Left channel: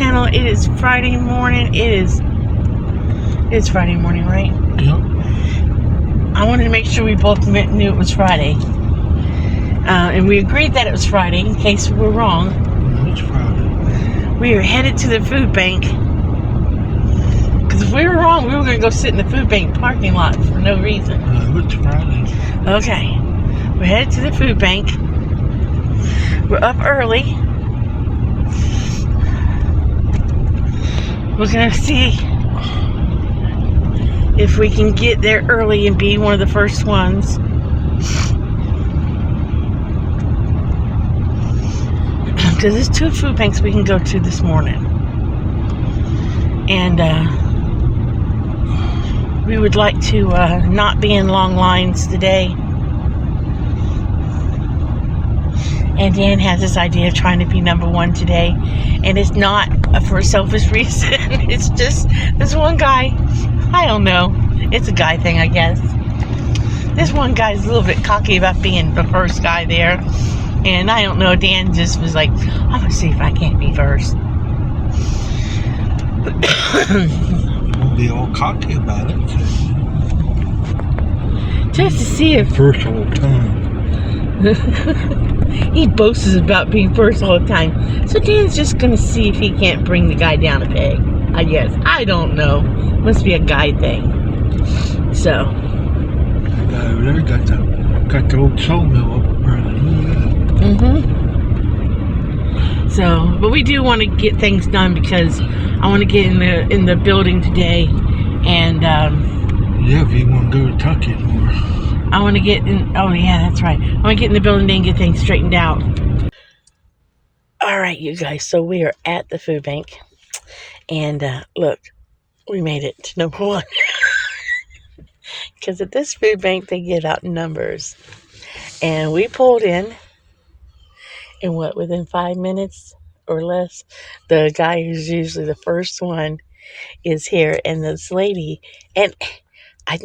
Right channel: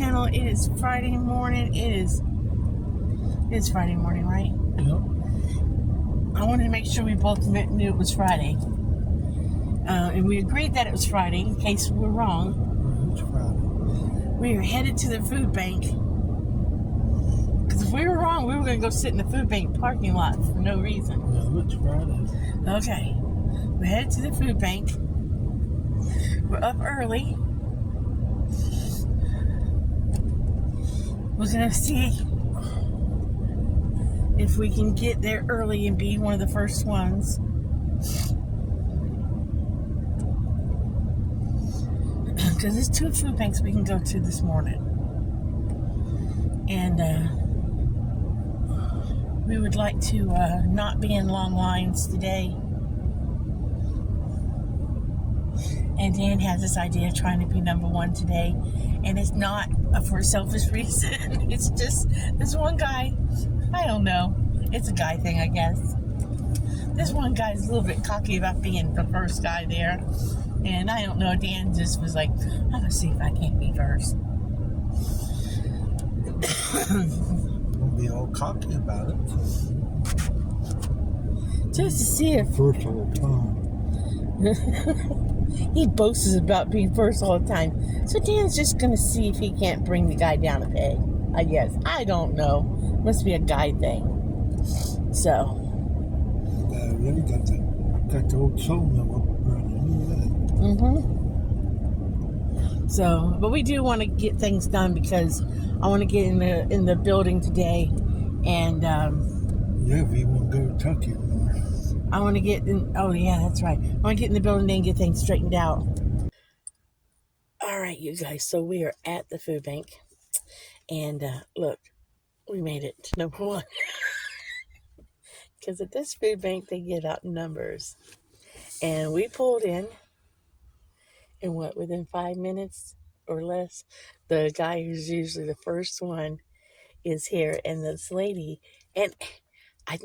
channel. It is Friday morning. It's Friday morning, right? Yep. I wanted to make sure we both knew it was Friday. And we agreed that it was Friday in case we were wrong. No, it's Friday. We are headed to the food bank. Because if we were wrong, we were going to go sit in the food bank parking lot for no reason. No, it's Friday. Okay. We're headed to the food bank. We're up early. We're going to see if we can get there early and be one of the first ones. Because there's 2 food banks we can go to this morning. And we would like to not be in long lines today. And Dan has this idea of trying to be number 1 today. And it's not for a selfish reason. It's just this one guy. I don't know. It's a guy thing, I guess. This one guy's a little bit cocky about being the first guy there. And I don't know. Dan just was like, I'm going to see if I can't be first. Don't be all cocky about it. Just to see if... First all the time. He boasts about being first all the time. So Dan's just going to see if he can't bring the guy down a peg, I guess. I don't know. Must be a guy thing. So. That guy over there got the old sawmill up burning. So, but we do want to get things done because I want to get in the building today. And, yeah, if you want to go to Tucky more. I want to get in. Oh, yeah, that's right. I want to get in the building today and get things straightened out. All right, you guys. So we are at the food bank. And look, we made it to number 1. Because at this food bank, they give out numbers. And we pulled in within 5 minutes or less, the guy who's usually the first one is here. And this lady, and I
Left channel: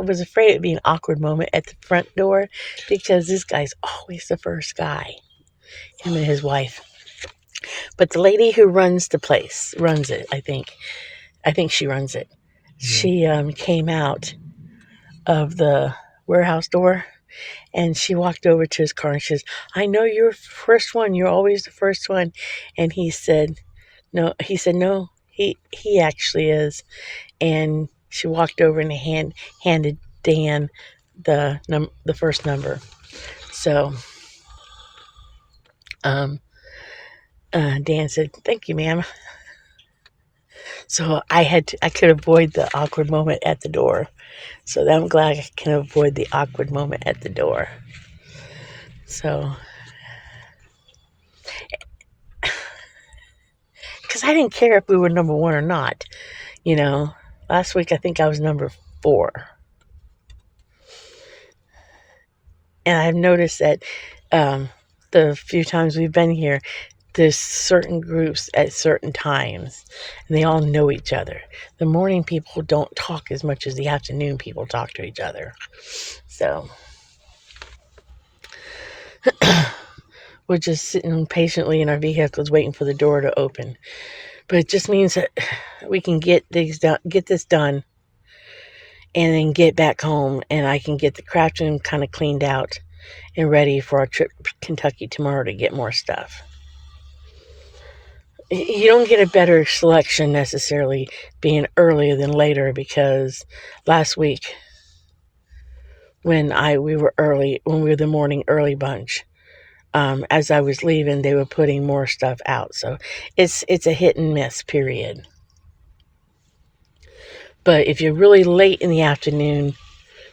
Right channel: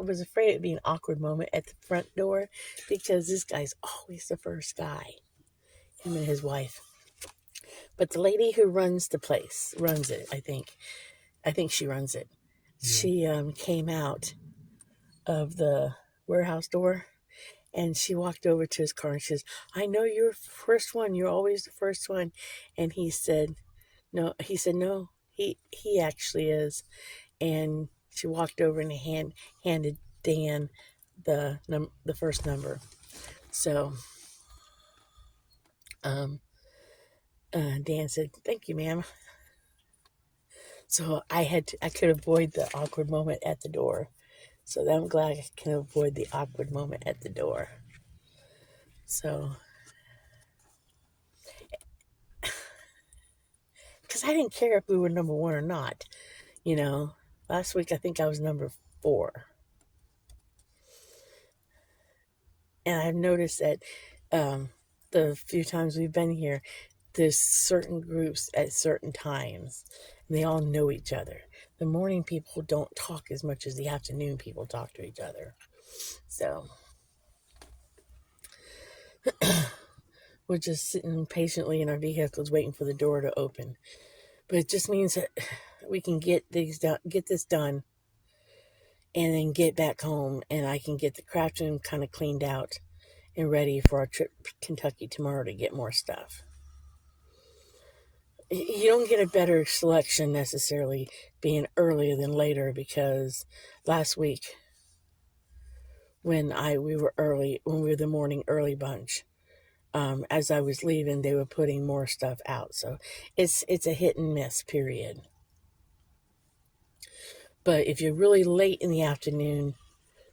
was afraid it'd be an awkward moment at the front door because this guy's always the first guy, him and his wife. But the lady who runs the place, runs it, I think she runs it. She came out of the warehouse door and she walked over to his car and she says, I know you're the first one. You're always the first one. And he said, no, he actually is. And she walked over and handed Dan the first number. So, Dan said, thank you, ma'am. So I could avoid the awkward moment at the door. So I'm glad I can avoid the awkward moment at the door. So, because I didn't care if we were number 1 or not. You know, last week I think I was number 4. And I've noticed that the few times we've been here, there's certain groups at certain times, and they all know each other. The morning people don't talk as much as the afternoon people talk to each other. So we're just sitting patiently in our vehicles waiting for the door to open. But it just means that we can get this done, and then get back home, and I can get the craft room kind of cleaned out and ready for our trip to Kentucky tomorrow to get more stuff. You don't get a better selection necessarily being earlier than later, because last week when we were the morning early bunch, as I was leaving, they were putting more stuff out. So it's a hit and miss period. But if you're really late in the afternoon,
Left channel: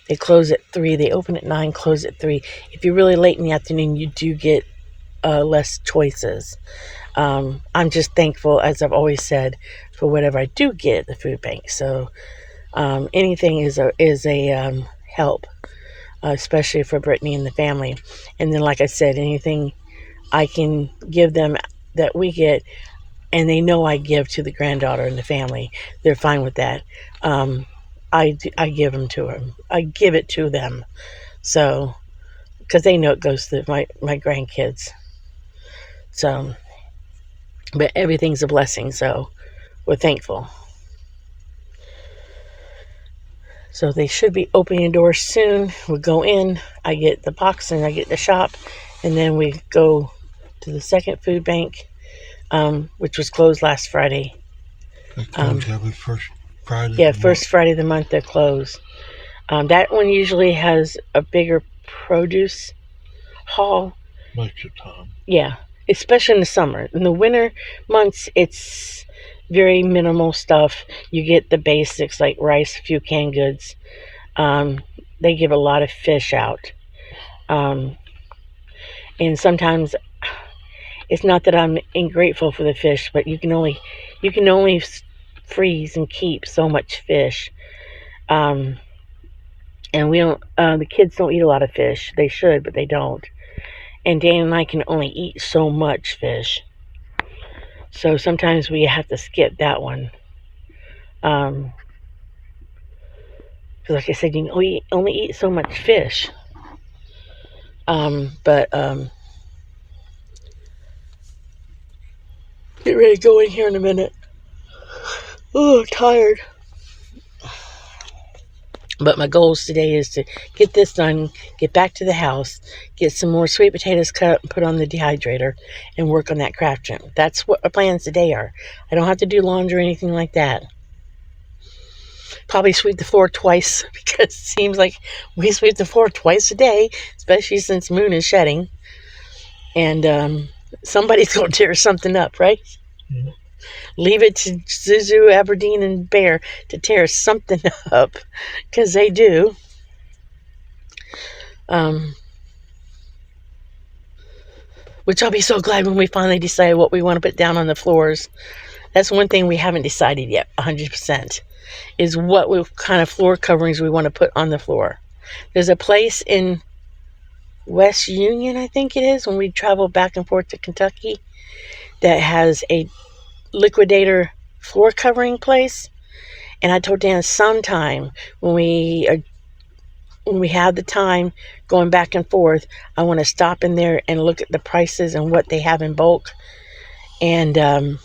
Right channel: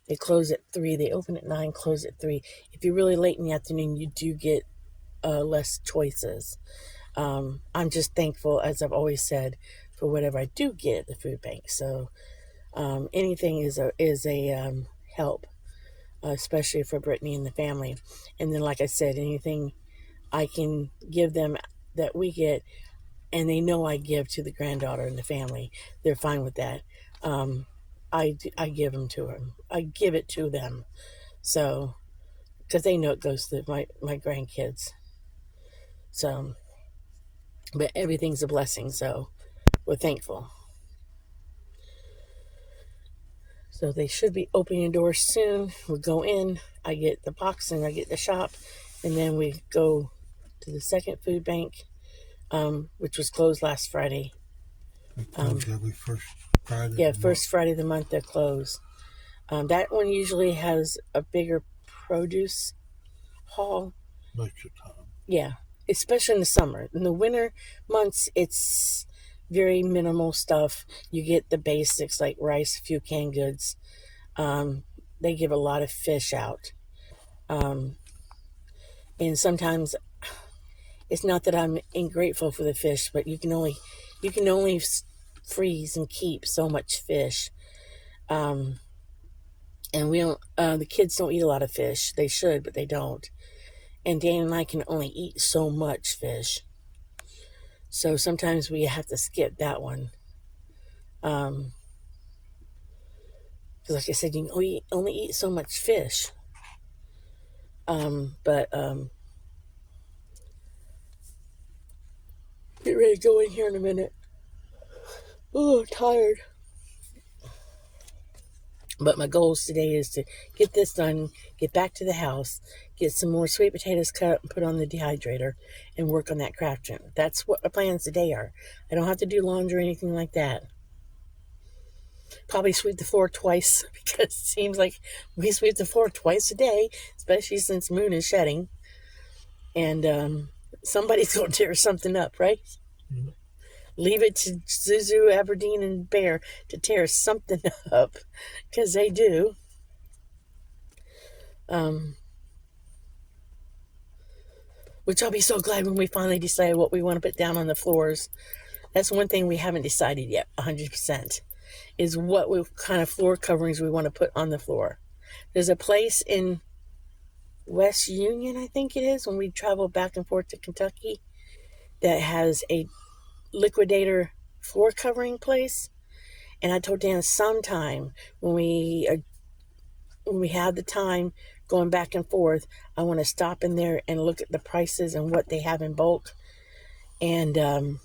they close at 3. They open at 9, close at 3. If you're really late in the afternoon, you do get less choices. I'm just thankful, as I've always said, for whatever I do get at the food bank. So anything is a help, especially for Brittany and the family. And then, like I said, anything I can give them that we get, and they know I give to the granddaughter and the family, they're fine with that. I give them to them. I give it to them. So, because they know it goes to my grandkids. So, But everything's a blessing, so we're thankful. So they should be opening doors soon. We'll go in, I get the box and I get the shop, and then we go to the second food bank, which was closed last Friday. They close every first Friday Yeah, of the month. first Friday of the month they're closed. That one usually has a bigger produce haul. Most of the time. Yeah, especially in the summer. In the winter months, it's very minimal stuff. You get the basics like rice, a few canned goods. They give a lot of fish out. Um, and sometimes it's not that I'm ingrateful for the fish, but you can only freeze and keep so much fish. Um, and we don't. The kids don't eat a lot of fish. They should, but they don't. And Dan and I can only eat so much fish. So sometimes we have to skip that one. Because, like I said, you can only eat so much fish. But get ready to go in here in a minute. Oh, tired. But my goals today is to get this done, get back to the house, get some more sweet potatoes cut up and put on the dehydrator, and work on that craft room. That's what my plans today are. I don't have to do laundry or anything like that. Probably sweep the floor twice because it seems like we sweep the floor twice a day, especially since moon is shedding. And somebody's going to tear something up, right? Mm-hmm. Leave it to Zuzu, Aberdeen, and Bear to tear something up because they do. Which I'll be so glad when we finally decide what we want to put down on the floors. That's one thing we haven't decided yet, 100%, is what kind of floor coverings we want to put on the floor. There's a place in West Union, I think it is, when we travel back and forth to Kentucky, that has a liquidator floor covering place. And I told Dan sometime when we have the time going back and forth, I want to stop in there and look at the prices and what they have in bulk, and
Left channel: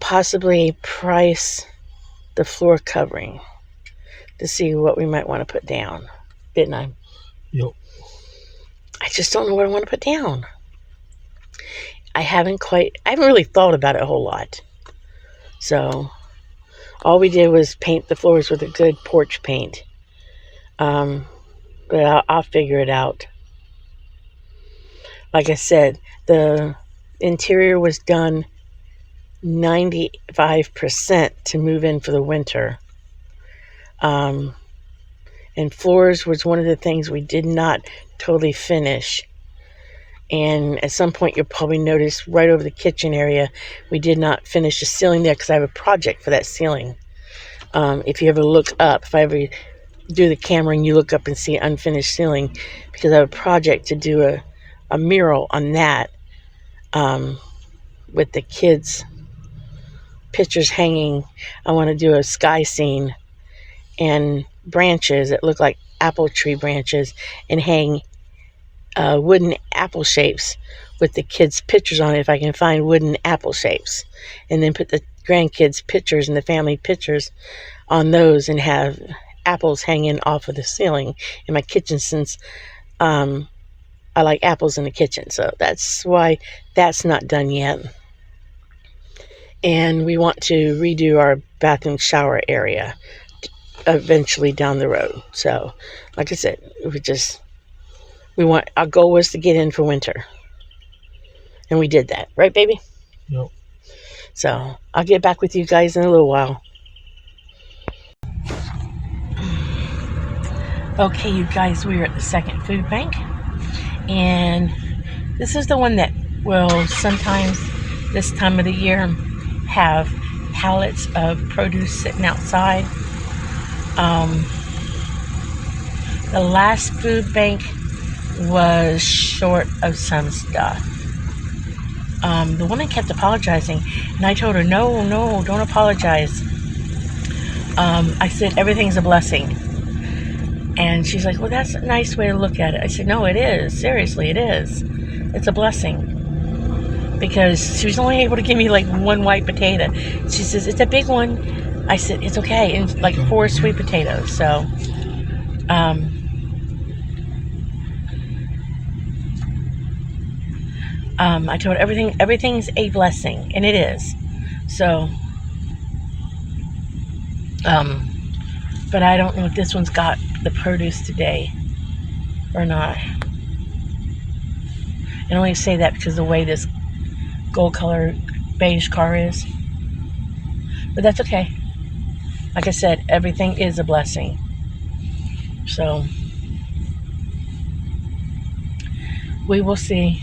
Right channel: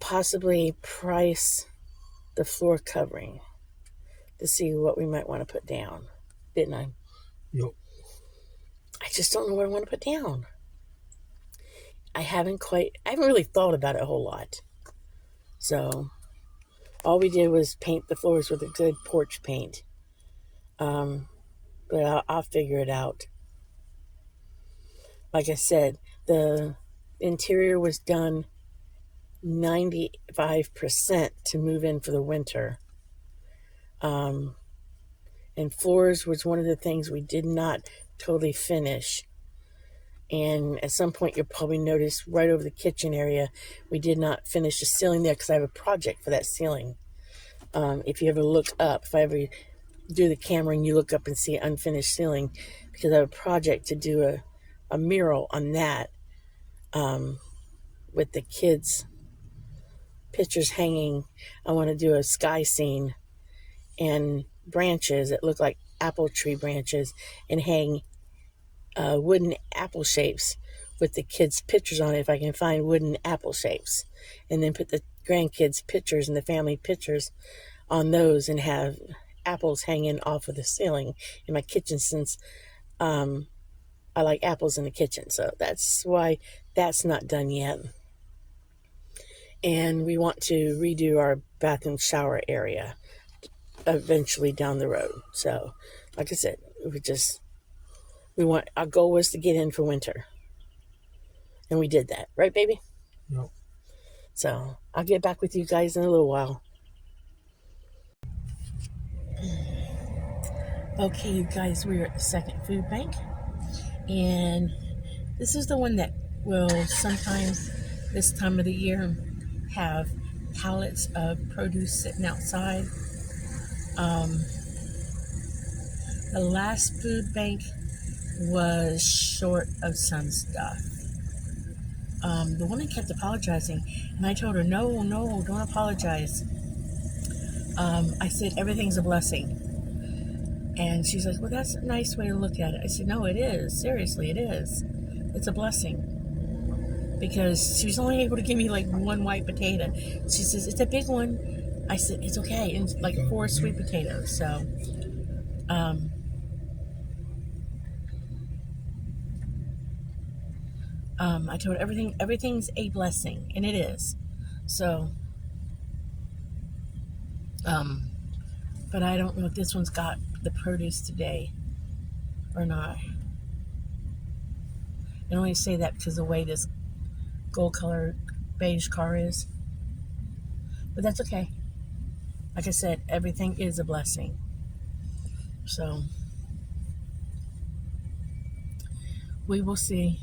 possibly price the floor covering to see what we might want to put down. Didn't I? Yep. I just don't know what I want to put down. I haven't really thought about it a whole lot. So all we did was paint the floors with a good porch paint. But I'll figure it out. Like I said, the interior was done 95% to move in for the winter. And floors was one of the things we did not totally finish. And at some point, you'll probably notice right over the kitchen area, we did not finish the ceiling there because I have a project for that ceiling. If you ever look up, if I ever do the camera and you look up and see an unfinished ceiling, because I have a project to do a mural on that, with the kids' pictures hanging. I want to do a sky scene and branches that look like apple tree branches and hang wooden apple shapes with the kids' pictures on it, if I can find wooden apple shapes, and then put the grandkids' pictures and the family pictures on those and have apples hanging off of the ceiling in my kitchen, since I like apples in the kitchen. So that's why that's not done yet. And we want to redo our bathroom shower area eventually down the road. So like I said, our goal was to get in for winter, and we did that, right, baby? Yep. So I'll get back with you guys in a little while. Okay, you guys, we're at the second food bank, and this is the one that will sometimes this time of the year have pallets of produce sitting outside. The last food bank was short of some stuff. The woman kept apologizing, and I told her, no, don't apologize. I said, everything's a blessing. And she's like, well, that's a nice way to look at it. I said, no, it is. Seriously, it is. It's a blessing. because she was only able to give me like one white potato. She says, it's a big one. I said, it's okay. And like 4 sweet potatoes. So, I told her everything's a blessing, and it is. So, but I don't know if this one's got the produce today or not. I only say that because of the way this gold color beige car is. But that's okay. Like I said, everything is a blessing. So, we will see.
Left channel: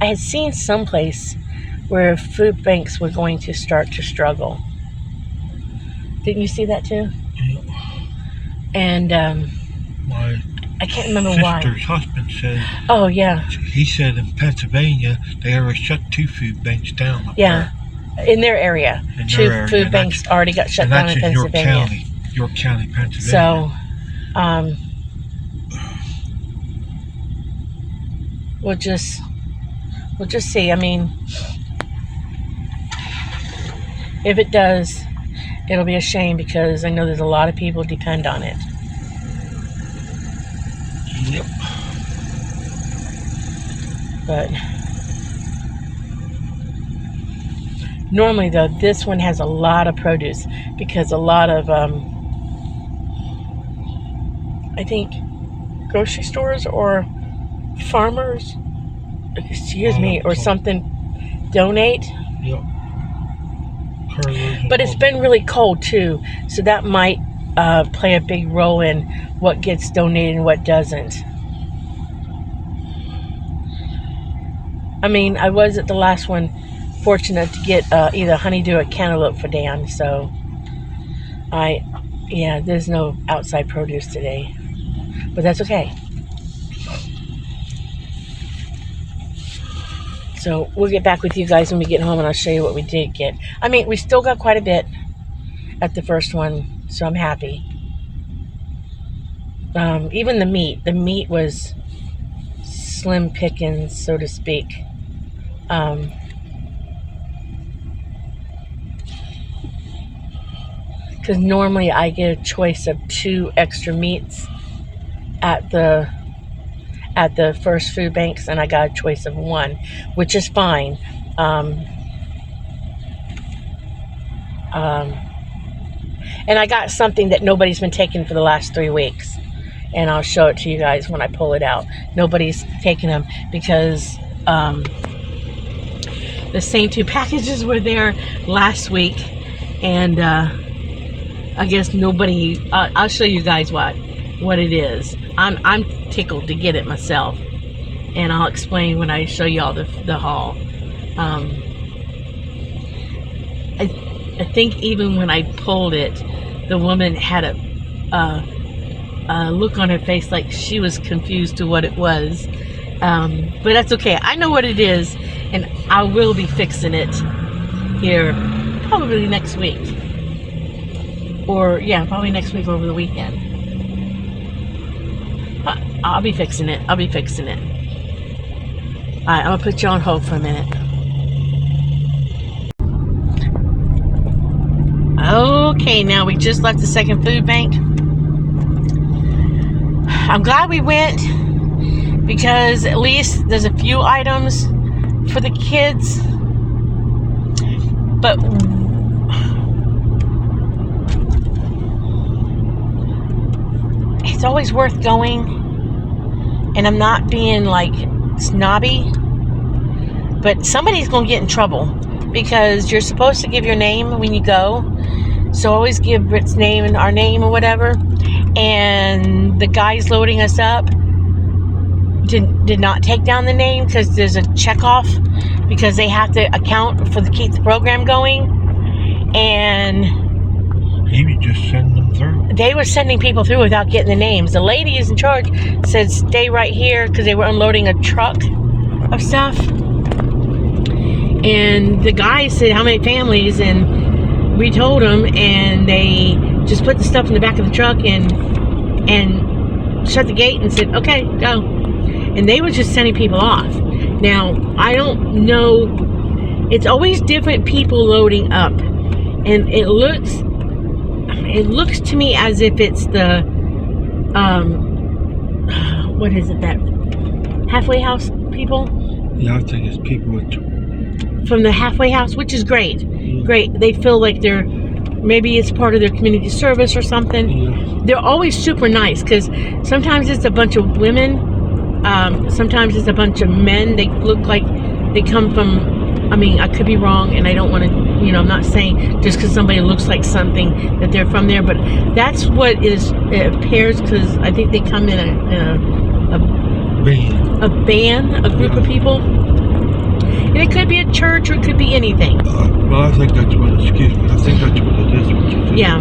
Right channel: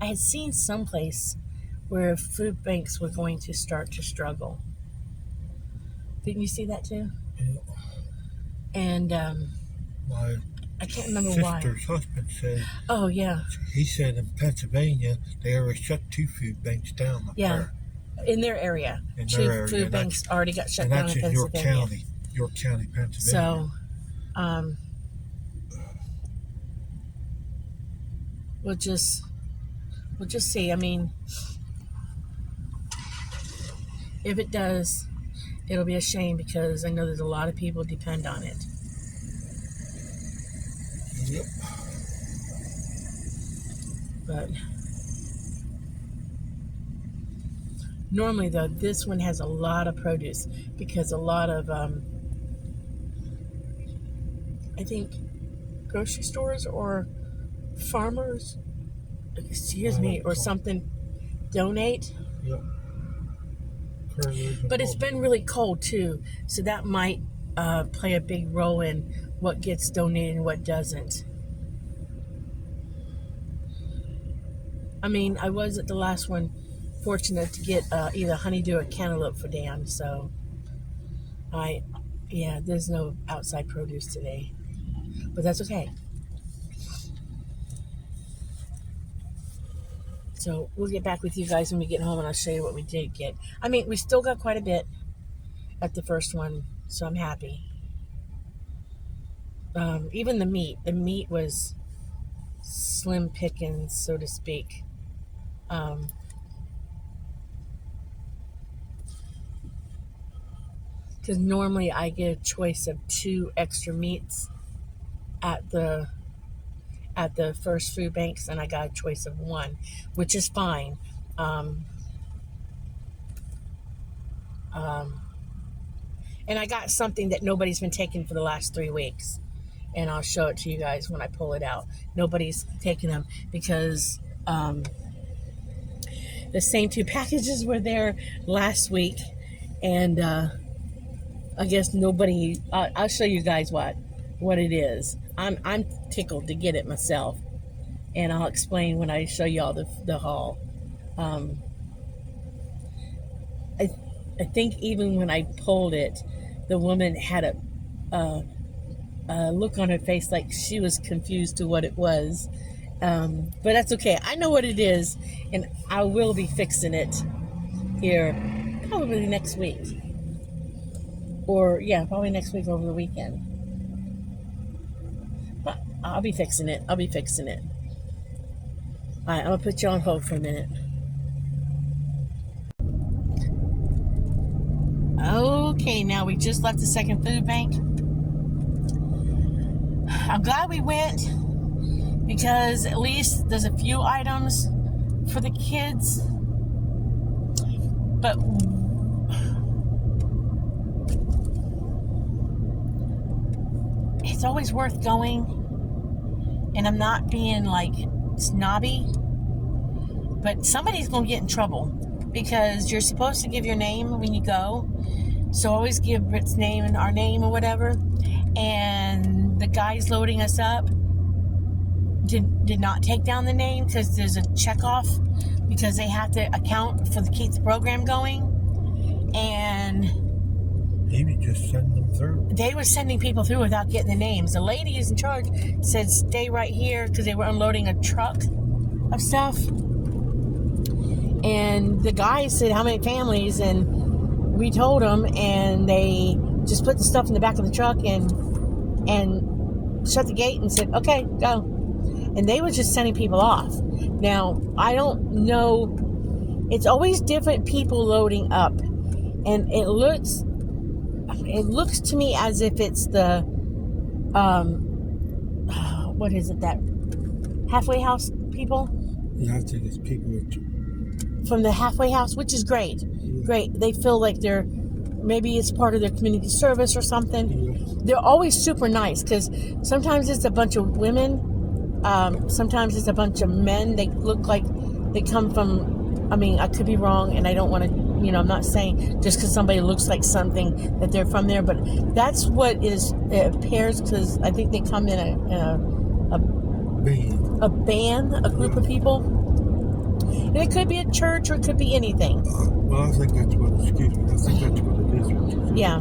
I had seen someplace where food banks were going to start to struggle. Didn't you see that too? Yeah. And My I can't remember why. sister's husband said. Oh yeah. He said in Pennsylvania they already shut 2 food banks down. Yeah, in their area, 2 food banks already got shut down in Pennsylvania. York County, Pennsylvania. So, we'll just see. I mean, if it does, it'll be a shame because I know there's a lot of people depend on it. Yep. But normally, though, this one has a lot of produce because a lot of, I think, grocery stores or farmers, excuse me, or something, donate. Yep. But it's been really cold too, so that might play a big role in what gets donated and what doesn't. I mean, I was at the last one fortunate to get either honeydew or cantaloupe for Dan, so there's no outside produce today, but that's okay. So we'll get back with you guys when we get home, and I'll show you what we did get. I mean, we still got quite a bit at the first one, so I'm happy. Even the meat was slim pickings, so to speak. Because normally I get a choice of 2 extra meats at the first food banks, and I got a choice of 1, which is fine. And I got something that nobody's been taking for the last 3 weeks, and I'll show it to you guys when I pull it out. Nobody's taking them because the same 2 packages were there last week, and I guess nobody. I'll show you guys what it is. I'm tickled to get it myself, and I'll explain when I show y'all the haul. I think even when I pulled it, the woman had a look on her face like she was confused to what it was. But that's okay. I know what it is, and I will be fixing it here probably next week. Probably next week over the weekend. I'll be fixing it. Alright, I'm going to put you on hold for a minute. Okay, now we just left the second food bank. I'm glad we went because at least there's a few items for the kids. But it's always worth going. And I'm not being like snobby, but somebody's going to get in trouble because you're supposed to give your name when you go. So always give Britt's name and our name or whatever. And the guys loading us up did not take down the name because there's a checkoff because they have to account for keep the program going. And he would just send them through. They were sending people through without getting the names. The lady is in charge said stay right here because they were unloading a truck of stuff. And the guy said how many families, and we told them, and they just put the stuff in the back of the truck and and shut the gate and said, okay, go. And they were just sending people off. Now, I don't know. It's always different people loading up. And it looks to me as if it's the, what is it, that halfway house people? Yeah, I think it's people From the halfway house, which is great. Great. They feel like maybe it's part of their community service or something. Yeah. They're always super nice, because sometimes it's a bunch of women, sometimes it's a bunch of men. They look like they come from, I could be wrong, and I don't want to, I'm not saying just because somebody looks like something that they're from there, but that's what it appears, because I think they come in a band, a group of people. And it could be a church, or it could be anything. Well, I think that's what, excuse me, I think that's what it is. Yeah.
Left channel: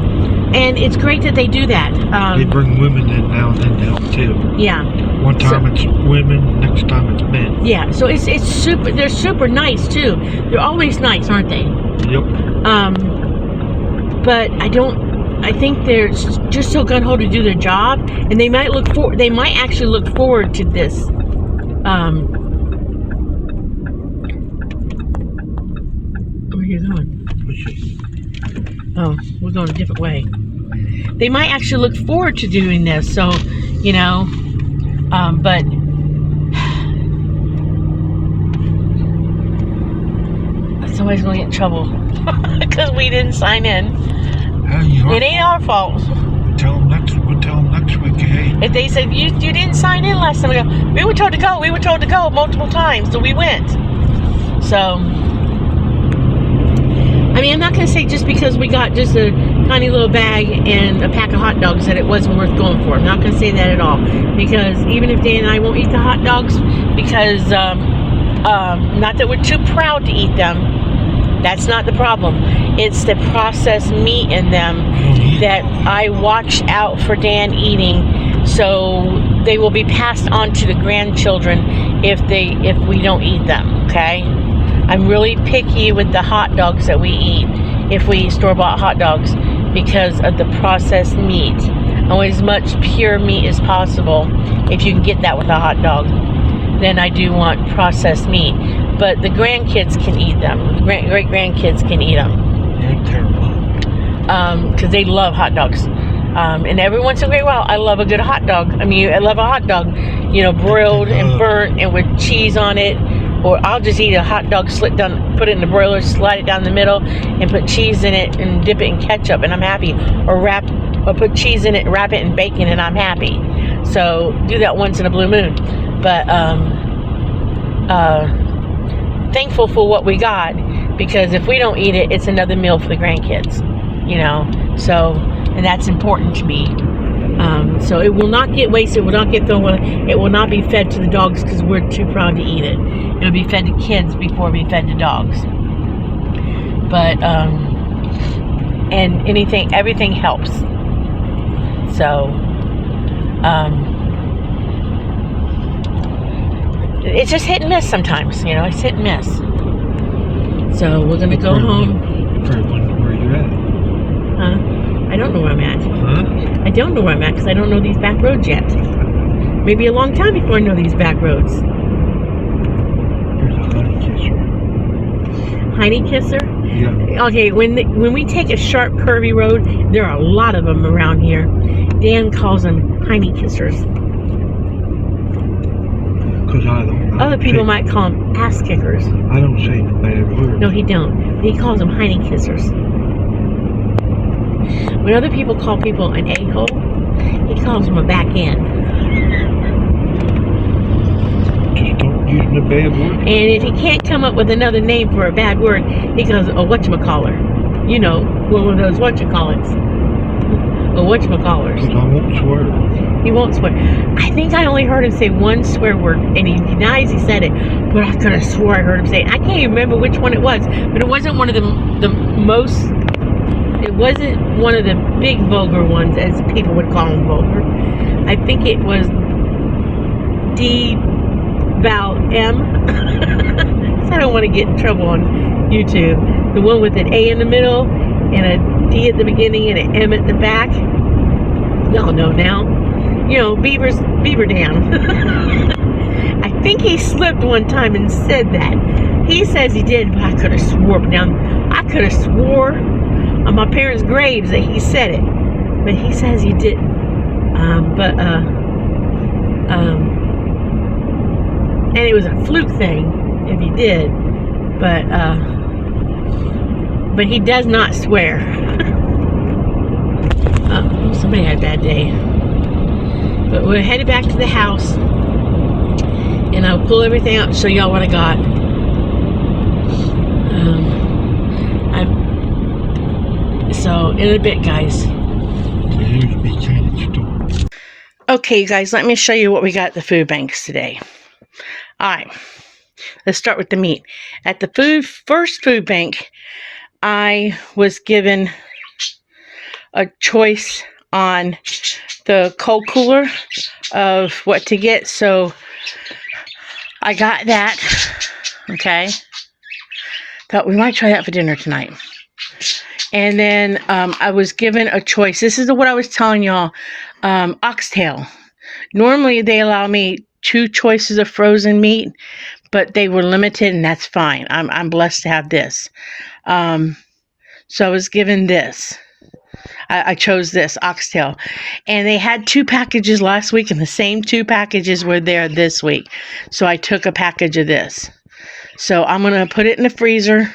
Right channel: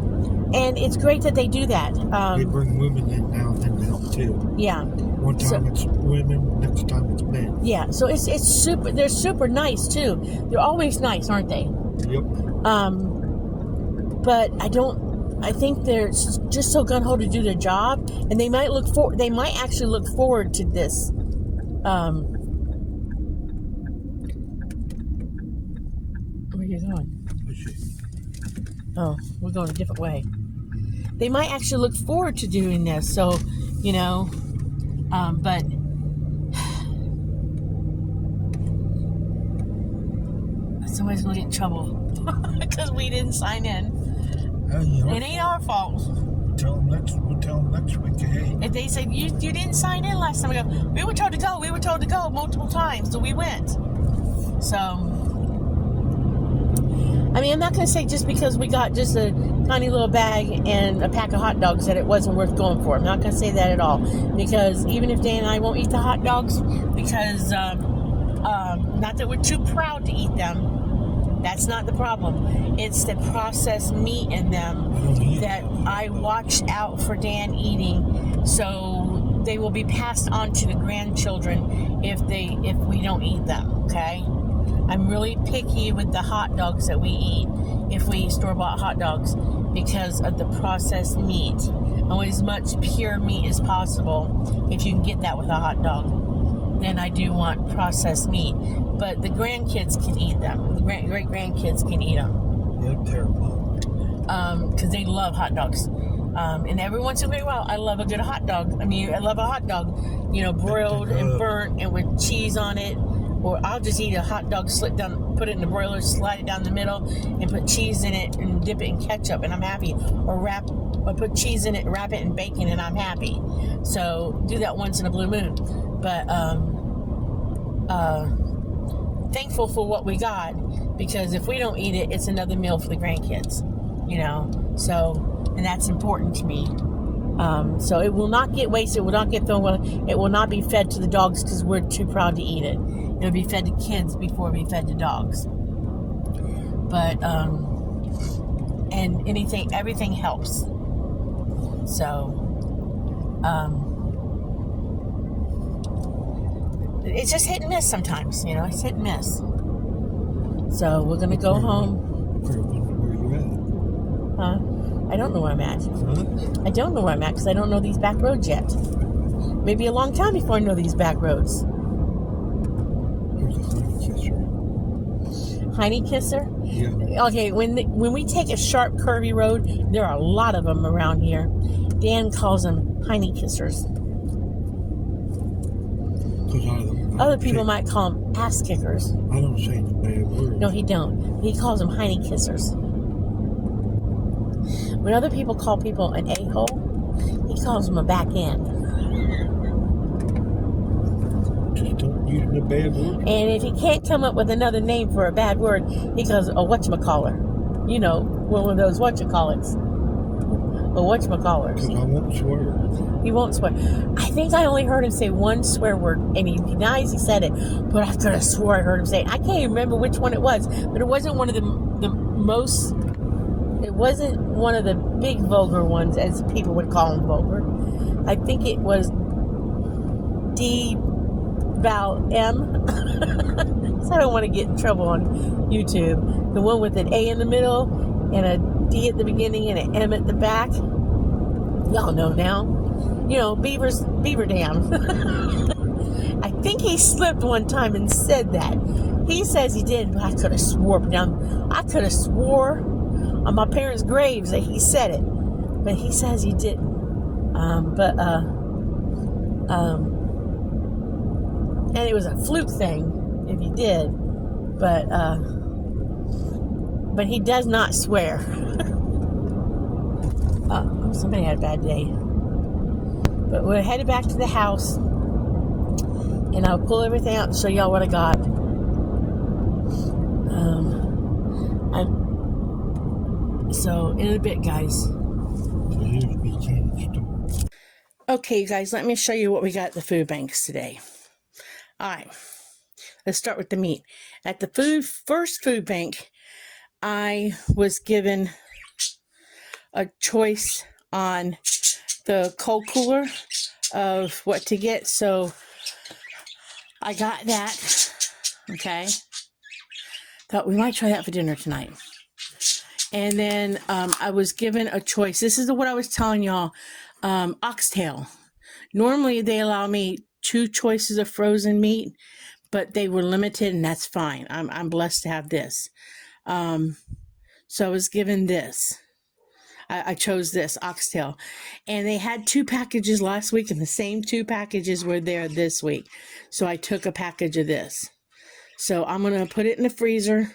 And it's great that they do that. They bring women in now and then to help too. Yeah. One time it's women, next time it's men. Yeah, so it's super, they're super nice too. They're always nice, aren't they? Yep. But I think they're just so gun-ho to do their job, and they might actually look forward to this. Where are you going? Oh, we're going a different way. They might actually look forward to doing this, so, but somebody's going to get in trouble because we didn't sign in. It ain't our fault. We'll tell them next week, hey. If they said, you didn't sign in last time, we go, we were told to go multiple times, so we went. So, I'm not going to say just because we got just a tiny little bag and a pack of hot dogs that it wasn't worth going for. I'm not going to say that at all. Because even if Dan and I won't eat the hot dogs, because, not that we're too proud to eat them, that's not the problem. It's the processed meat in them that I watch out for Dan eating, so they will be passed on to the grandchildren if we don't eat them, okay? I'm really picky with the hot dogs that we eat, if we eat store-bought hot dogs, because of the processed meat. I want as much pure meat as possible, if you can get that with a hot dog. Then I do want processed meat. But the grandkids can eat them. The great-grandkids can eat them. They're terrible. Because they love hot dogs. And every once in a great while, I love a good hot dog. I love a hot dog, broiled and burnt and with cheese on it. Or I'll just eat a hot dog, put it in the broiler, slide it down the middle, and put cheese in it and dip it in ketchup, and I'm happy. Or put cheese in it, wrap it in bacon, and I'm happy. So do that once in a blue moon. But thankful for what we got, because if we don't eat it, it's another meal for the grandkids. So, and that's important to me. So it will not get wasted, it will not get thrown away, it will not be fed to the dogs because we're too proud to eat it. It'll be fed to kids before it be fed to dogs. But, and everything helps. So, it's just hit and miss sometimes, it's hit and miss. So we're gonna go home. Where are you at? Huh? I don't know where I'm at. Huh? I don't know where I'm at because I don't know these back roads yet. Maybe a long time before I know these back roads. There's a honey kisser. Honey kisser? Yeah. Okay, when we take a sharp, curvy road, there are a lot of them around here. Dan calls them honey kissers. Because I don't. Other people might call them ass kickers. I don't say the bad word. No, he don't. He calls them honey kissers. When other people call people an a-hole, he calls them a back end. Just don't use the bad word. And if he can't come up with another name for a bad word, he goes, a whatchamacallit. One of those whatchamacallits. A whatchamacallers. Because I won't swear. He won't swear. I think I only heard him say one swear word, and he denies he said it, but I could have swore I heard him say it. I can't even remember which one it was, but it wasn't one of the most... It wasn't one of the big vulgar ones, as people would call them vulgar. I think it was D-Val-M. So I don't want to get in trouble on YouTube. The one with an A in the middle and a D at the beginning and an M at the back. Y'all know now. beaver dam. I think he slipped one time and said that. He says he did, but I could have swore on my parents' graves that he said it, but he says he didn't. And it was a fluke thing if he did, but he does not swear. Somebody had a bad day. But we're headed back to the house, and I'll pull everything out and show y'all what I got. So in a bit, guys. Okay, you guys, let me show you what we got at the food banks today. All right, let's start with the meat. At the first food bank, I was given a choice on the cold cooler of what to get, so I got that. Okay, thought we might try that for dinner tonight. And then I was given a choice. This is what I was telling y'all. Oxtail. Normally they allow me 2 choices of frozen meat, but they were limited, and that's fine. I'm blessed to have this. So I was given this. I chose this oxtail, and they had 2 packages last week, and the same 2 packages were there this week. So I took a package of this. So I'm gonna put it in the freezer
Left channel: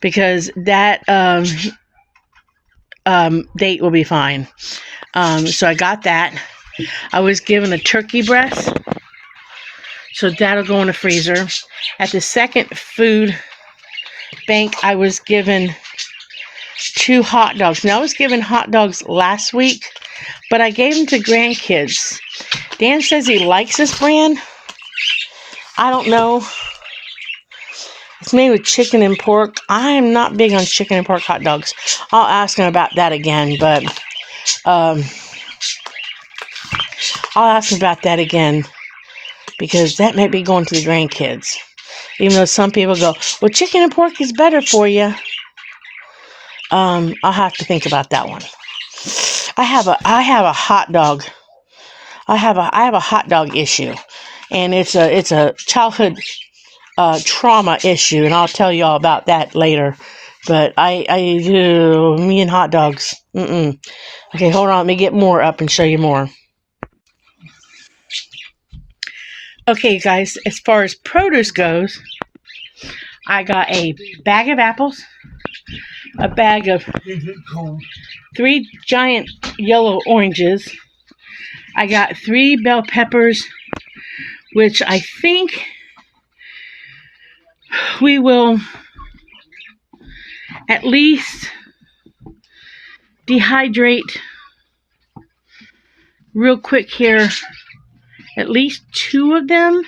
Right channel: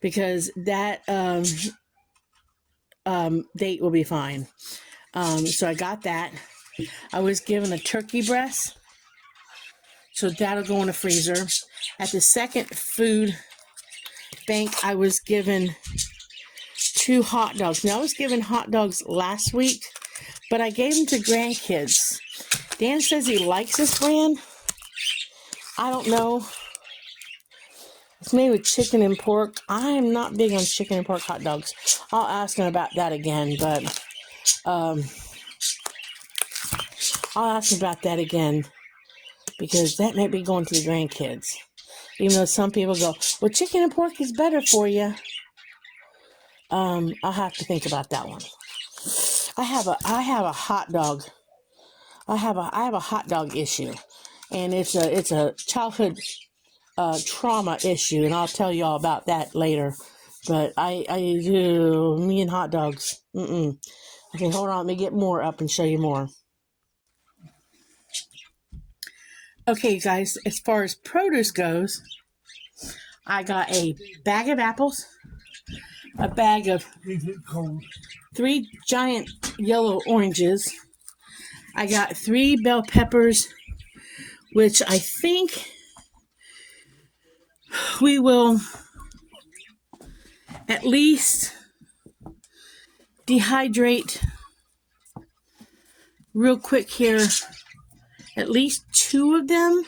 because that date will be fine. So I got that. I was given a turkey breast, so that'll go in the freezer. At the second food bank, I was given 2 hot dogs. Now, I was given hot dogs last week, but I gave them to grandkids. Dan says he likes this brand. I don't know. It's made with chicken and pork. I am not big on chicken and pork hot dogs. I'll ask him about that again, but I'll ask him about that again because that might be going to the grandkids. Even though some people go, well, chicken and pork is better for you. I'll have to think about that one. I have a hot dog. I have a hot dog issue, and it's a childhood trauma issue, and I'll tell you all about that later. But me and hot dogs. Okay, hold on. Let me get more up and show you more. Okay, guys, as far as produce goes, I got a bag of apples, a bag of 3 giant yellow oranges. I got 3 bell peppers, which I think we will at least dehydrate real quick here. At least 2 of them.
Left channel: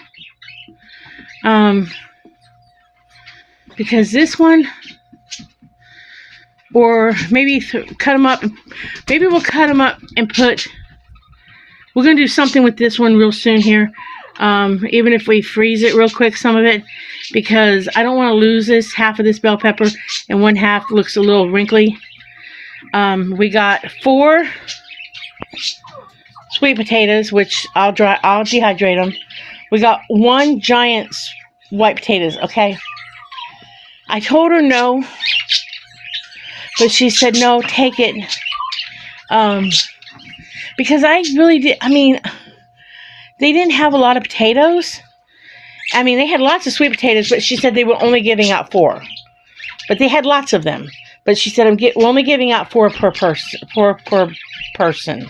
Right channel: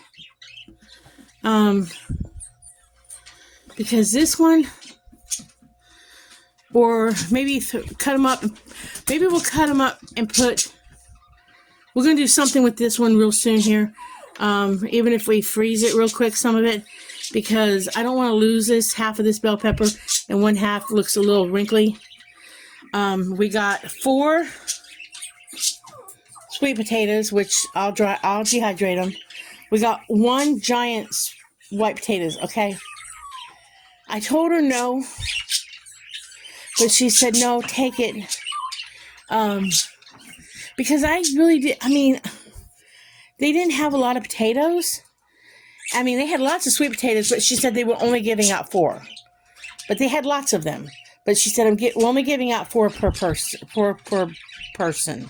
Because this one, or maybe cut them up. Maybe we'll cut them up and we're going to do something with this one real soon here. Even if we freeze it real quick, some of it, because I don't want to lose this half of this bell pepper, and one half looks a little wrinkly. We got 4 sweet potatoes, which I'll dehydrate them. We got 1 giant white potatoes. Okay, I told her no, but she said no, take it. Because I really did. I mean, they didn't have a lot of potatoes. I mean, they had lots of sweet potatoes, but she said they were only giving out 4. But they had lots of them. But she said we're only giving out 4 per person.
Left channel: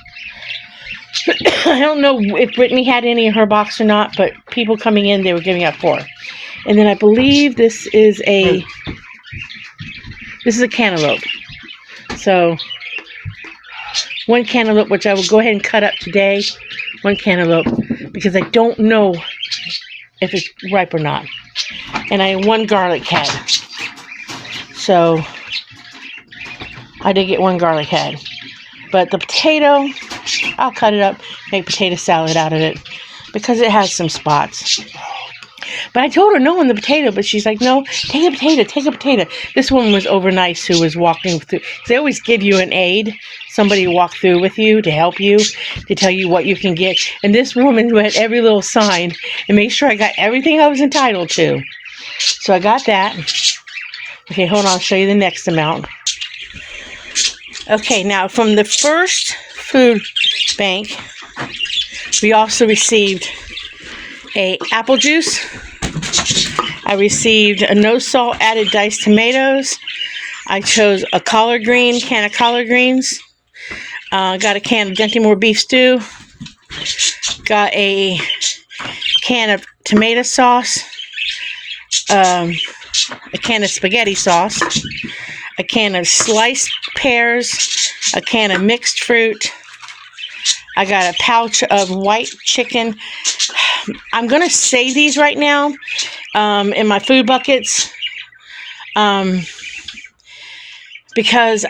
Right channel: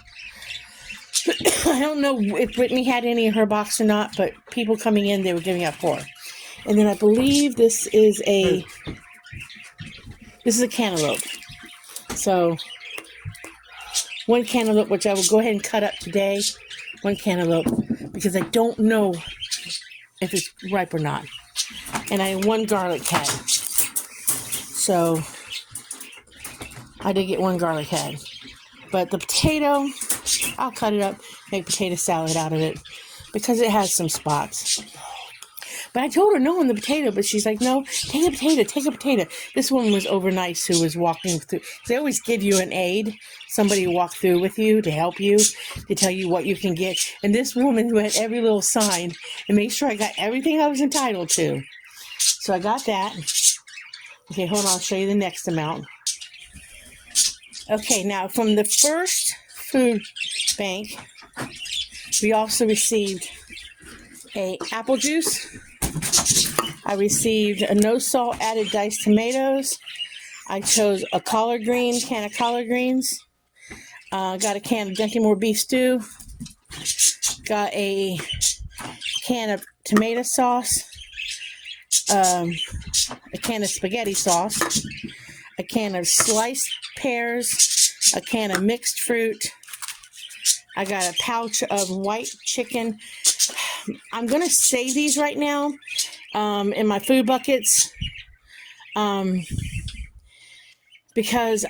I don't know if Brittany had any in her box or not, but people coming in, they were giving out 4. And then I believe this is a cantaloupe. So 1 cantaloupe, which I will go ahead and cut up today. 1 cantaloupe, because I don't know if it's ripe or not. And I have 1 garlic head. So I did get 1 garlic head. But the potato, I'll cut it up, make potato salad out of it, because it has some spots. But I told her no on the potato, but she's like, no, take a potato, take a potato. This woman was over nice who was walking through. They always give you an aide, somebody to walk through with you to help you, to tell you what you can get. And this woman read every little sign and made sure I got everything I was entitled to. So I got that. Okay, hold on, I'll show you the next amount. Okay, now from the first food bank, we also received a apple juice. I received a no salt added diced tomatoes. I chose a collard green, can of collard greens. Got a can of Dentimore beef stew. Got a can of tomato sauce. A can of spaghetti sauce. A can of sliced pears, a can of mixed fruit. I got a pouch of white chicken. I'm going to save these right now in my food buckets because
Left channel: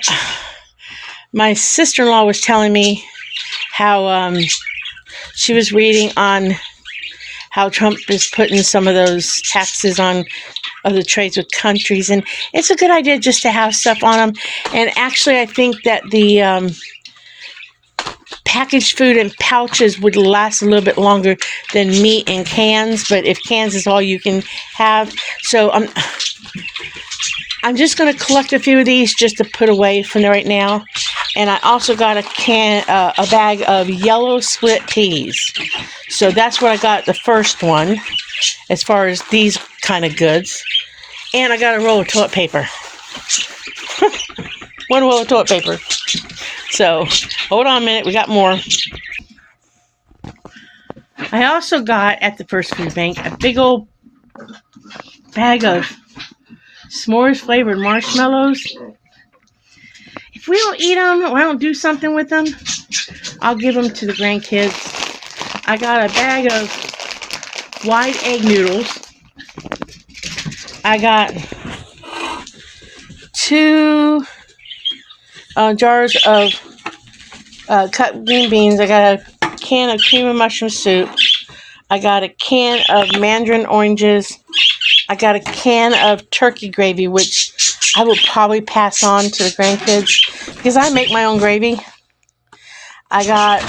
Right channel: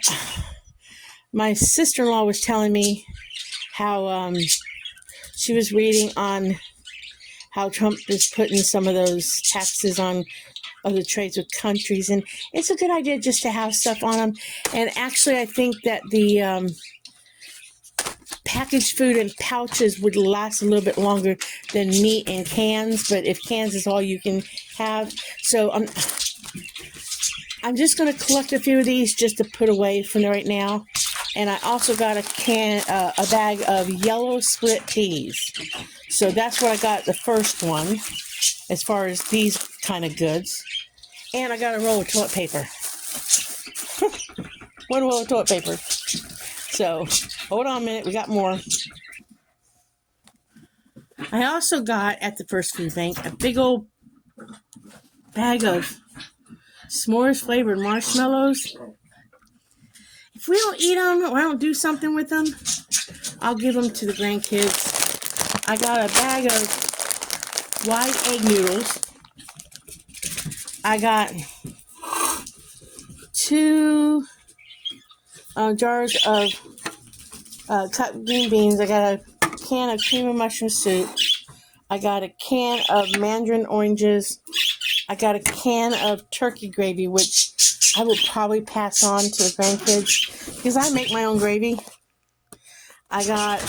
my sister-in-law was telling me how she was reading on how Trump is putting some of those taxes on other trades with countries, and it's a good idea just to have stuff on them. And actually, I think that the packaged food in pouches would last a little bit longer than meat in cans, but if cans is all you can have, so I'm just going to collect a few of these just to put away for right now. And I also got a bag of yellow split peas. So that's what I got the first one, as far as these kind of goods. And I got a roll of toilet paper. One roll of toilet paper. So, hold on a minute, we got more. I also got, at the first food bank, a big old bag of s'mores flavored marshmallows. If we don't eat them, or I don't do something with them, I'll give them to the grandkids. I got a bag of wide egg noodles. I got 2 jars of cut green beans. I got a can of cream of mushroom soup. I got a can of mandarin oranges. I got a can of turkey gravy, which I will probably pass on to the grandkids because I make my own gravy. I got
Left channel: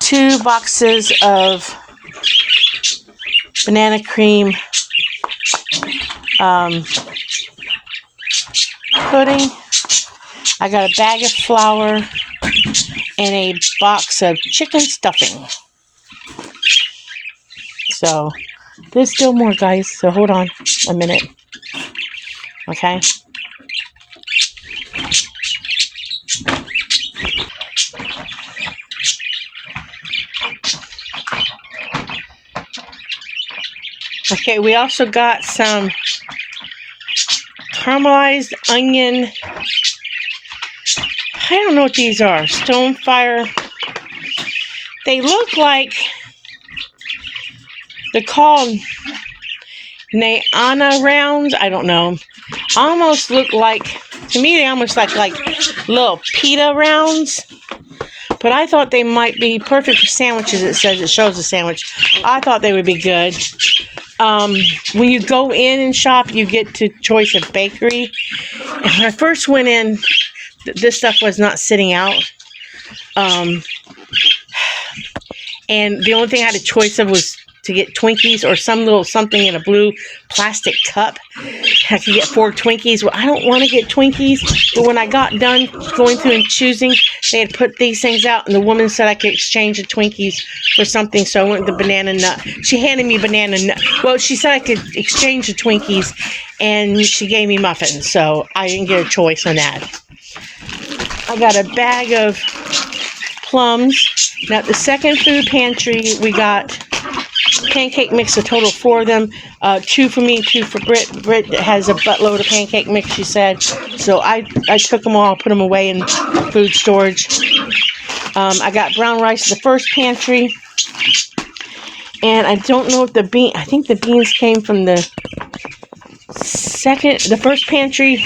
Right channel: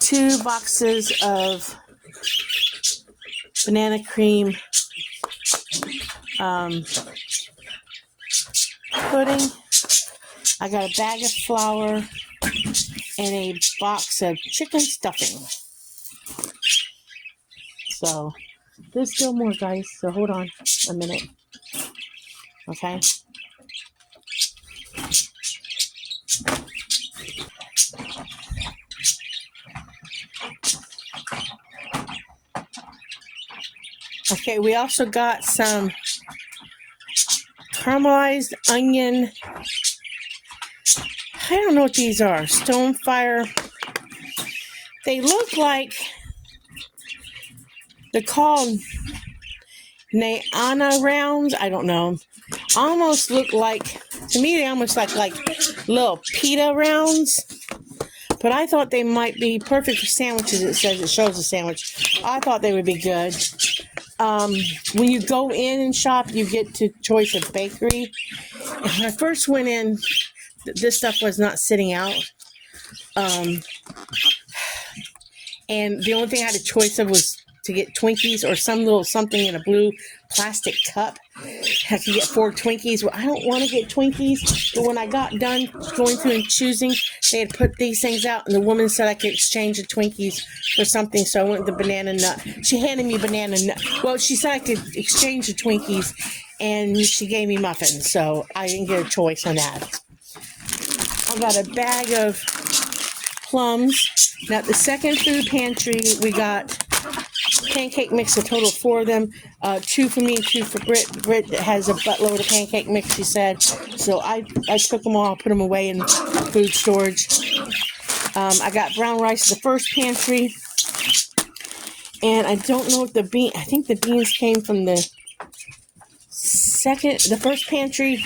2 boxes of banana cream pudding. I got a bag of flour and a box of chicken stuffing. So there's still more, guys, so hold on a minute. Okay. Okay, we also got some caramelized onion. I don't know what these are. Stonefire. They look like they're called Nayana rounds. I don't know. Almost look like, to me, they almost like little pita rounds. But I thought they might be perfect for sandwiches. It shows a sandwich. I thought they would be good. When you go in and shop, you get to choice of bakery. And when I first went in, this stuff was not sitting out. And the only thing I had a choice of was to get Twinkies or some little something in a blue plastic cup. I could get 4 Twinkies. Well, I don't want to get Twinkies, but when I got done going through and choosing, they had put these things out, and the woman said I could exchange the Twinkies for something, so I went with the banana nut. She handed me banana nut. Well, she said I could exchange the Twinkies, and she gave me muffins, so I didn't get a choice on that. I got a bag of plums. Now, at the second food pantry, we got pancake mix, a total of 4 of them. 2 for me, 2 for Britt. Britt has a buttload of pancake mix, she said. So I took them all, put them away in food storage. I got brown rice at the first pantry. And I don't know if I think the beans came from the first pantry.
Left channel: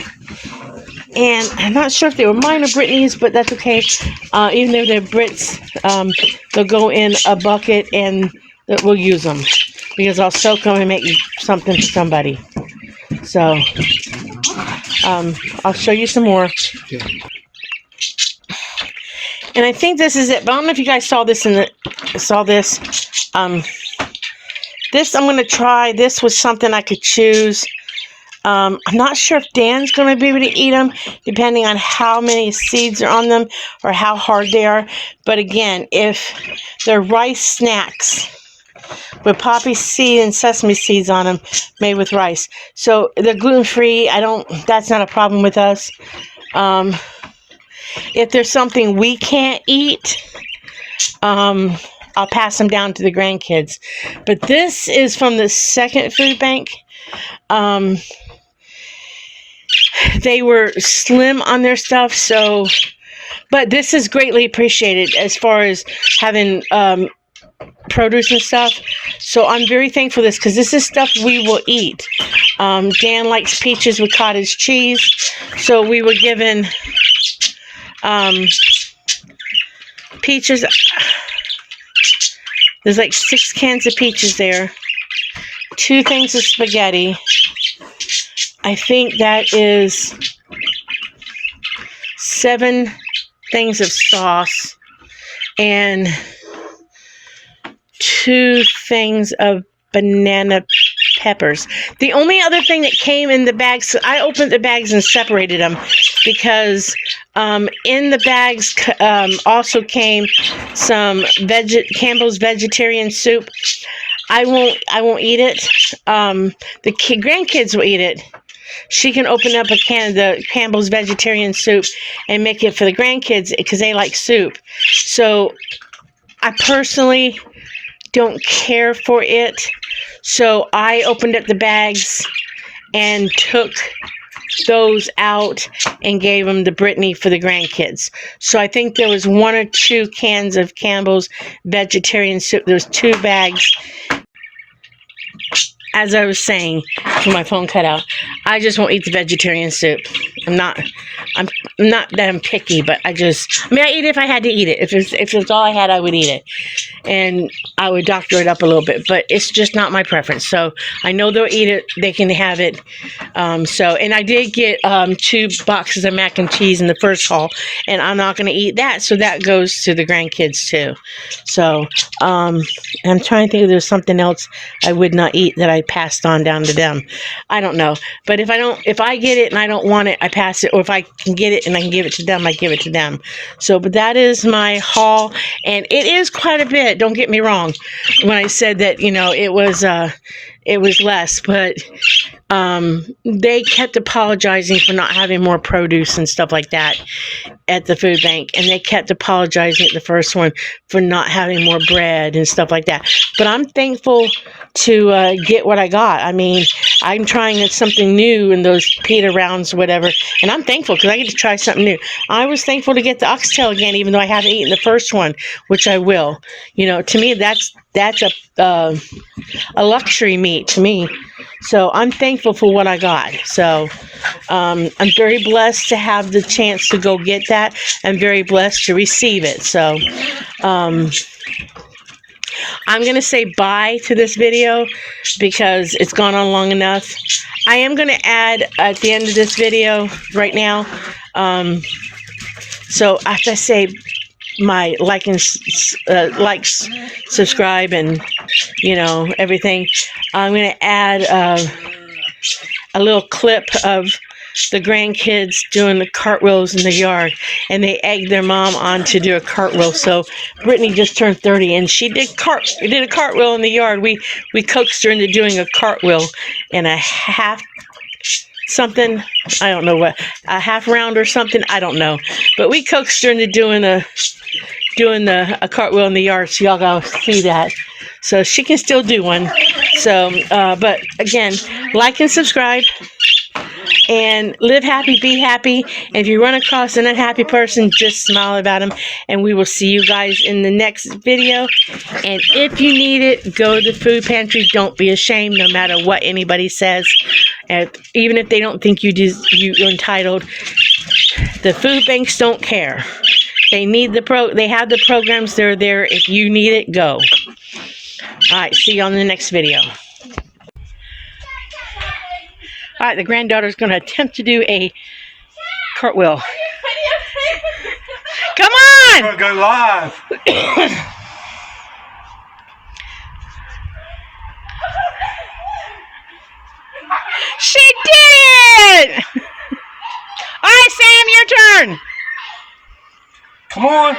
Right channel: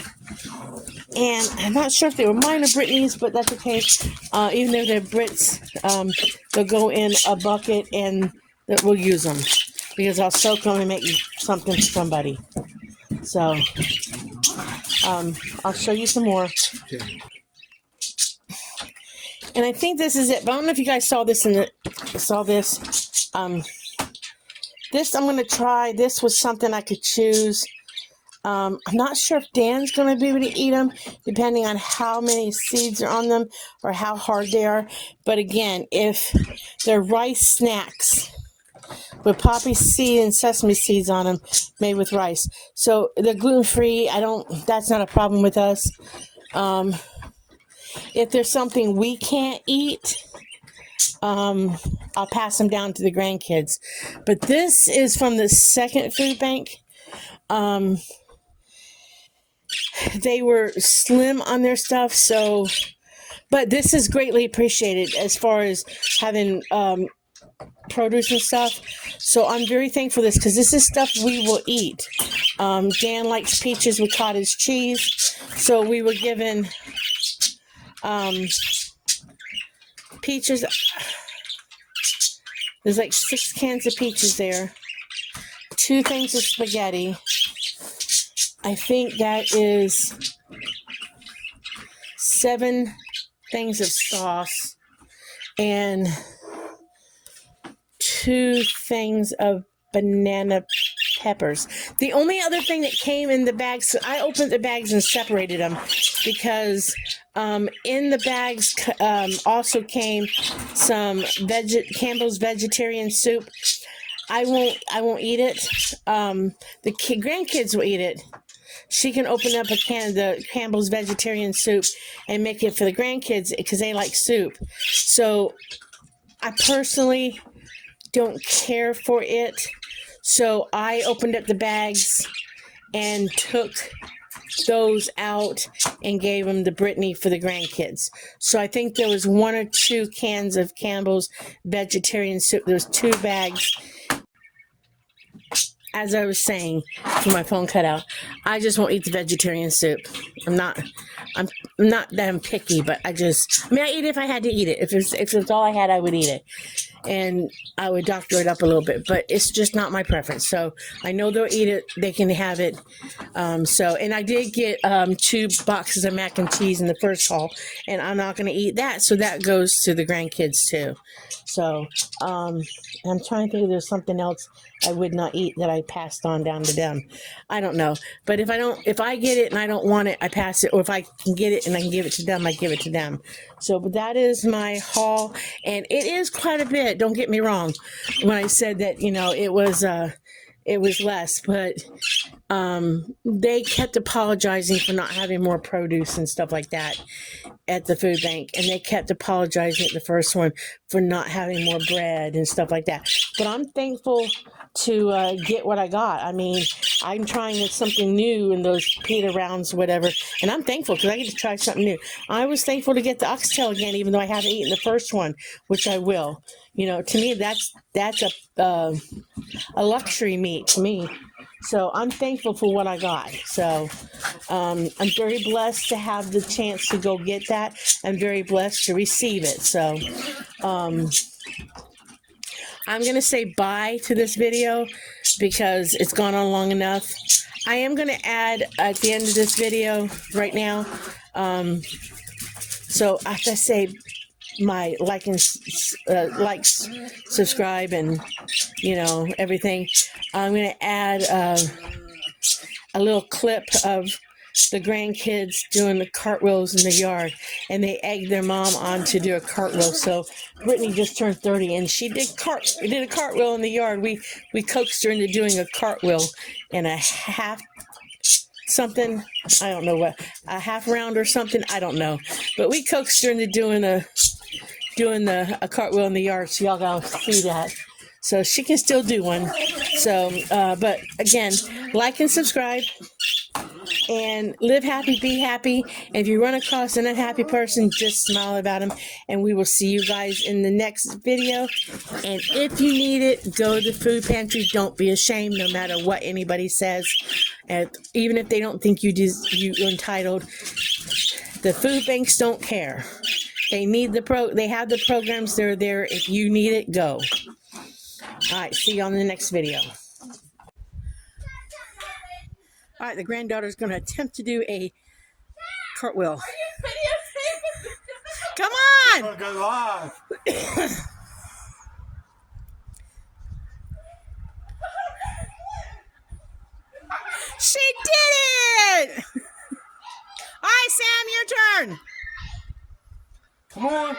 And I'm not sure if they were mine or Brittany's, but that's okay. Even though they're Britt's, they'll go in a bucket and we'll use them. because I'll soak them and make something for somebody. So I'll show you some more. Okay. And I think this is it. But I don't know if you guys saw this this. This I'm going to try. This was something I could choose. I'm not sure if Dan's going to be able to eat them, depending on how many seeds are on them or how hard they are. But again, if they're rice snacks with poppy seed and sesame seeds on them, made with rice, so they're gluten-free. That's not a problem with us. If there's something we can't eat, I'll pass them down to the grandkids. But this is from the second food bank. They were slim on their stuff, but this is greatly appreciated as far as having produce and stuff. So I'm very thankful for this, because this is stuff we will eat. Dan likes peaches with cottage cheese, so we were given peaches. There's like 6 cans of peaches there, 2 things of spaghetti. I think that is 7 things of sauce and 2 things of banana peppers. The only other thing that came in the bags, I opened the bags and separated them, because in the bags also came some Campbell's vegetarian soup. I won't eat it. The grandkids will eat it. She can open up a can of the Campbell's vegetarian soup and make it for the grandkids, because they like soup. So I personally don't care for it. So I opened up the bags and took those out and gave them to Brittany for the grandkids. So I think there was 1 or 2 cans of Campbell's vegetarian soup. There was 2 bags. As I was saying, my phone cut out, I just won't eat the vegetarian soup. I'm not that I'm picky, but I eat it if I had to eat it. If it's all I had, I would eat it. And I would doctor it up a little bit, but it's just not my preference. So I know they'll eat it. They can have it. And I did get 2 boxes of mac and cheese in the first haul, and I'm not going to eat that. So that goes to the grandkids too. So I'm trying to think if there's something else I would not eat that I passed on down to them. I don't know. But if I get it and I don't want it, I pass it. Or if I can get it and I can give it to them, I give it to them. So, but that is my haul, and it is quite a bit. Don't get me wrong when I said that, it was less, but they kept apologizing for not having more produce and stuff like that at the food bank, and they kept apologizing at the first one for not having more bread and stuff like that. But I'm thankful to get what I got. I mean, I'm trying something new in those pita rounds or whatever, and I'm thankful because I get to try something new. I was thankful to get the oxtail again, even though I haven't eaten the first one, which I will. To me, that's a luxury meat to me. So I'm thankful for what I got. So I'm very blessed to have the chance to go get that. I'm very blessed to receive it. So I'm going to say bye to this video because it's gone on long enough. I am going to add at the end of this video right now. So after I say my likes, subscribe, and everything, I'm going to add a little clip of the grandkids doing the cartwheels in the yard, and they egged their mom on to do a cartwheel. So Brittany just turned 30, and she did a cartwheel in the yard. We coaxed her into doing a cartwheel in a half something, I don't know what, a half round or something, I don't know, but we coaxed her into doing a cartwheel in the yard. So y'all gotta see that. So she can still do one. So, but again, like and subscribe, and live happy, be happy. And if you run across an unhappy person, just smile about them. And we will see you guys in the next video. And if you need it, go to the food pantry. Don't be ashamed, no matter what anybody says. And even if they don't think you're entitled, the food banks don't care. They need they have the programs. They're there. If you need it, go. All right, see you on the next video. All right, the granddaughter's going to attempt to do a cartwheel. Come I'm on! gonna go live. She did it! All right, Sam, your turn. Come on.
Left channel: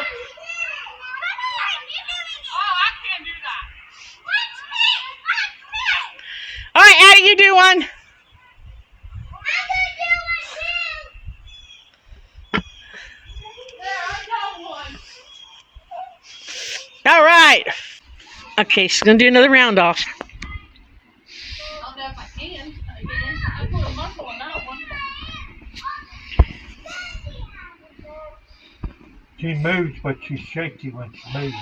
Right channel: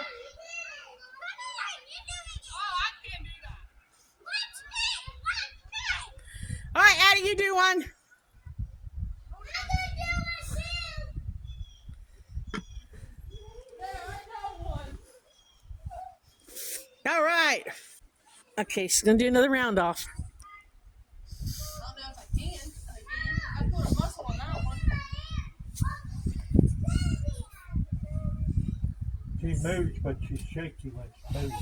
All right, Addie, you do one. All right. Okay, she's going to do another round off. I don't know if I can. I put a muscle on that one. She moves, but she's shaky when she moves.